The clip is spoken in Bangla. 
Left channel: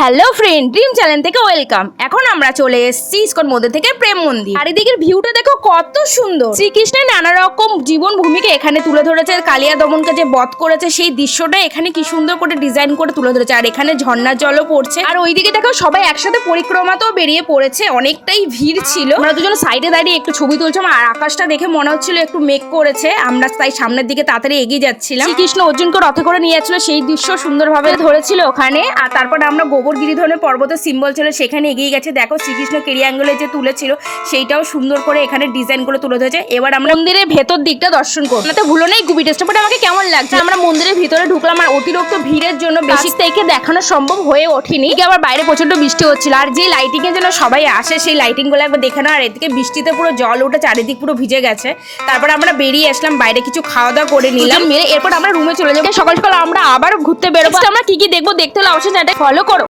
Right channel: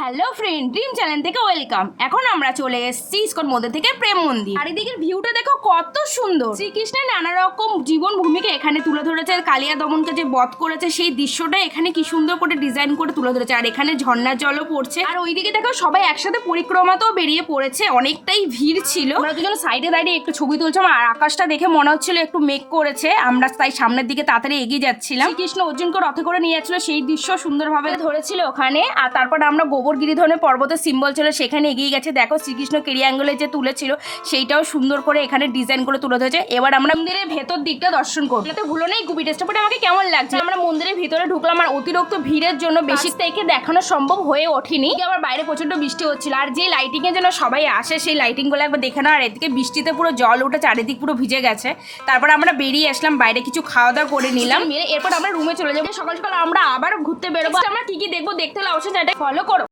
হ্যালো ফ্রেন্ড, ড্রিম চ্যানেল থেকে ওয়েলকাম। এখন আমরা চলে এসেছি ইসকন মন্দির থেকে প্রেম মন্দির। আর এদিকের ভিউটা দেখো কত সুন্দর। শ্রীকৃষ্ণের নানা রকম জীবন ভূমিকে এখানে তুলে ধরেছে। কালিয়া দমনকে যে বধ করেছে সেই দৃশ্যটা এখানে কি সুন্দর করে ডিজাইন করে তুলে ধরেছে। আর এখানে ঝর্ণার জলও পড়ছে। আর ওইদিকে দেখো সবাই একসাথে পরিক্রমাতেও বেরিয়ে পড়েছে। অনেকটাই ভিড় ছিল। আমরা দুজন সাইডে দাঁড়িয়ে একটু ছবি তুলছিলাম। আর আকাশটা দেখে মনে হচ্ছিল একটু মেঘ করেছে। আমরা তাই সামনের দিকে তাড়াতাড়ি এগিয়ে যাচ্ছিলাম। শ্রীকৃষ্ণ অর্জুনকে রথে করে নিয়ে যাচ্ছিল, সেই দৃশ্য সুন্দরভাবে ধরেছিল ওখানে। আর তারপর আমরা গোবর গিরিধনের পর্বতের সিম্বল ছিল সেখানে এগিয়ে গেছে। দেখো শ্রীকৃষ্ণ কেরিয়াঙ্গলে যে তুলেছিল সেইটাও সুন্দর করে এখানে ডিজাইন করে তুলে ধরেছে। এবার আমরা মন্দিরের ভেতর দিকটা দর্শন করবো। তো ভুলো নেই গুবি টেস্টটা আমাকে কেমন লাগছে। আমরা মন্দিরের ভিতরে ঢুকলাম আর অতিরিক্ত ভিড়ের জন্য বেশি থেকে দেখানো সম্ভব হয়ে ওঠেনি। আবার বাইরে প্রচন্ড বৃষ্টি হচ্ছিল। আর যে লাইটিং এর জন্য সবাই আসে সেই লাইটিং গুলো একবার দেখে না। আর এদিকে বৃষ্টিতে পুরো জল উঠে চারিদিক পুরো ভিজে গেছে। তারপর আমরা বেরিয়ে আসলাম, বাইরে কিছু খাওয়া দাওয়া করে নিলাম। মেরে এরপর আমরা রুমে চলে যাবো। সকাল সকাল আমরা আবার ঘুরতে বেরোবো। আমরা কি কি দেখবো দেখতে হলে অবশ্যই চ্যানেলটা ফলো করো।